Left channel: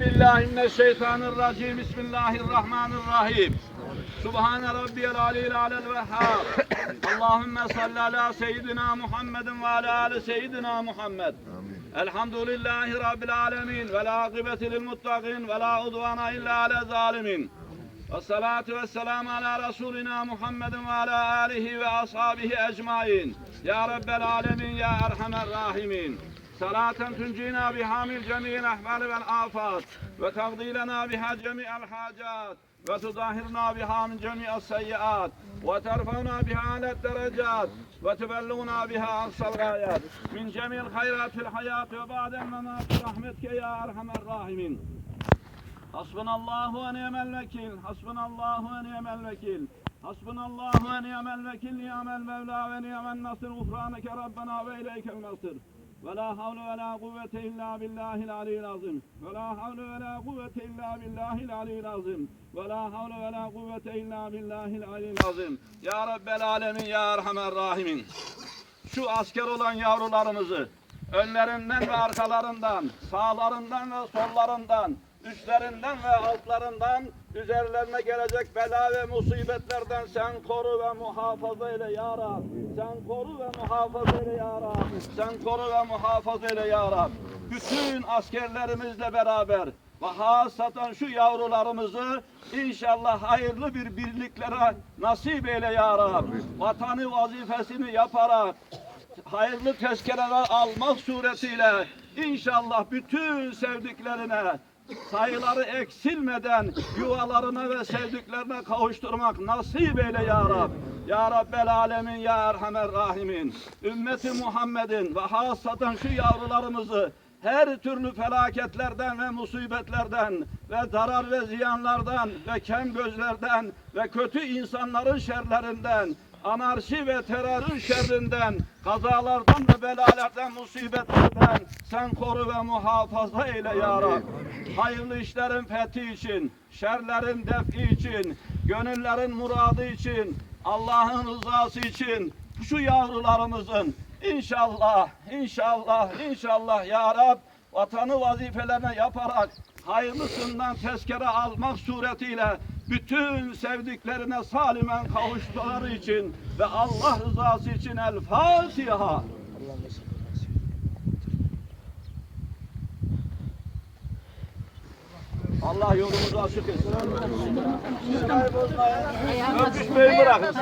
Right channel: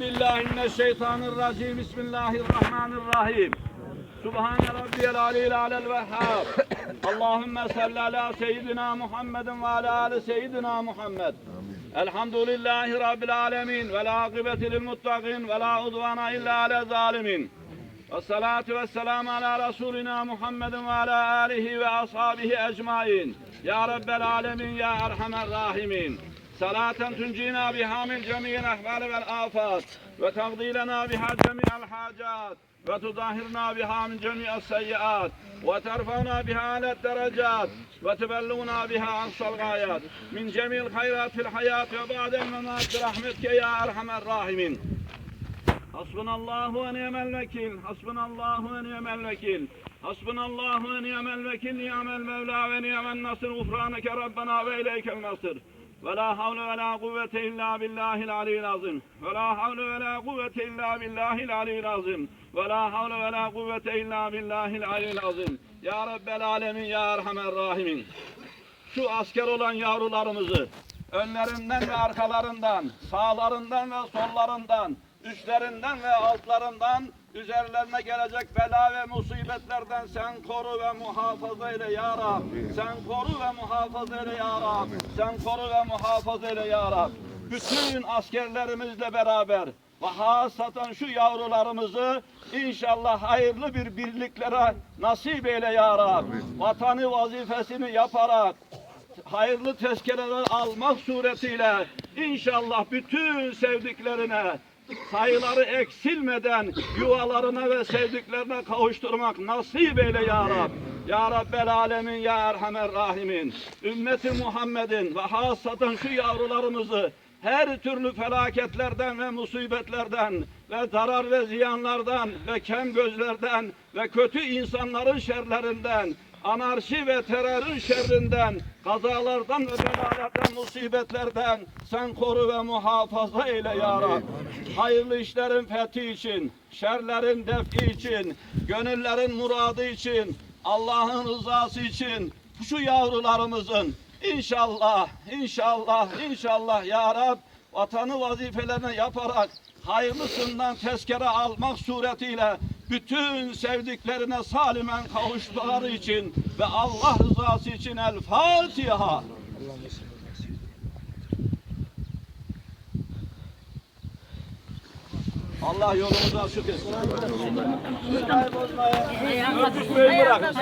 mineşşeytanirracim. Bismillahirrahmanirrahim. Subhane rabbiyel aliyil alel vehhab. Allahümme salli ala seyyidina Muhammedin ve ala ali seyyidina Muhammed. Elhamdülillahi rabbil alemin. Ve la akıbeti lil muttaqin. Ve la udvana illa ala zalimin. Ala Resulina Muhammedin ve ala alihi ve ashabihi ecmain. Ya Rabbel alemin ya erhamer rahimin. صلاة تنجينا بها من جميع الأحوال والآفات وتقضي لنا بها جميع الحاجات وتطهرنا بها من جميع السيئات وترفعنا بها على الدرجات وتبلغنا بها أقصى الغايات من جميع الخيرات في الحياة وبعد الممات برحمتك يا أرحم الراحمين Hasbunallahu ve ni'mel vekil. Hasbunallahu ve ni'mel vekil. Hasbunallahu ve ni'mel vekil. Ni'mel mevla ve ni'mel nasır. Gufraneke Rabbena ve ileykel nasır. Ve la havle ve la kuvvete illa billahil aliyyil azim. Ve la havle ve la kuvvete illa billahil aliyyil azim. Ve la havle ve la kuvvete illa billahil aliyyil azim. Ya Rabbel alemin ya erhamer rahimin. Şu asker olan yavrularımızı önlerinden ve arkalarından, sağlarından ve sollarından üstlerinden ve altlarından üzerlerine gelecek bela ve musibetlerden sen koru ve muhafaza eyle ya Rab. Sen koru ve muhafaza eyle ya Rab. Sen koru ve muhafaza eyle ya Rab. Bütün askerlerimizle beraber ve hasaten şu yavrularımızı inşallah hayırlı bir birliklere nasip eyle ya Rab. Vatanı vazifesini yaparak hayırlı tezkereler almak suretiyle inşallah bütün sevdiklerine sayıları eksilmeden yuvalarına ve sevdiklerine kavuşturmak nasip eyle ya Rab. Ya Rabbel Alemin ya Erhamer Rahimin. Ümmeti Muhammed'in ve hasaten şu yavrularımızı her türlü felaketlerden ve musibetlerden ve zarar ve ziyanlardan ve kem gözlerden ve kötü insanların şerlerinden anarşi ve terörün şerrinden, kazalardan ve belalardan, musibetlerden sen koru ve muhafaza eyle ya Rab. Hayırlı işlerin fethi için, şerlerin defi için, gönüllerin muradı için, Allah'ın rızası için şu yavrularımızın inşallah, inşallah, inşallah ya Rab vatanı vazifelerine yaparak hayırlısından tezkere almak suretiyle bütün sevdiklerine salimen kavuştukları için ve Allah rızası için El Fatiha. Allah yolumuzu açık etsin. Siz kaybolmayın. Örgütmeyi bırakın.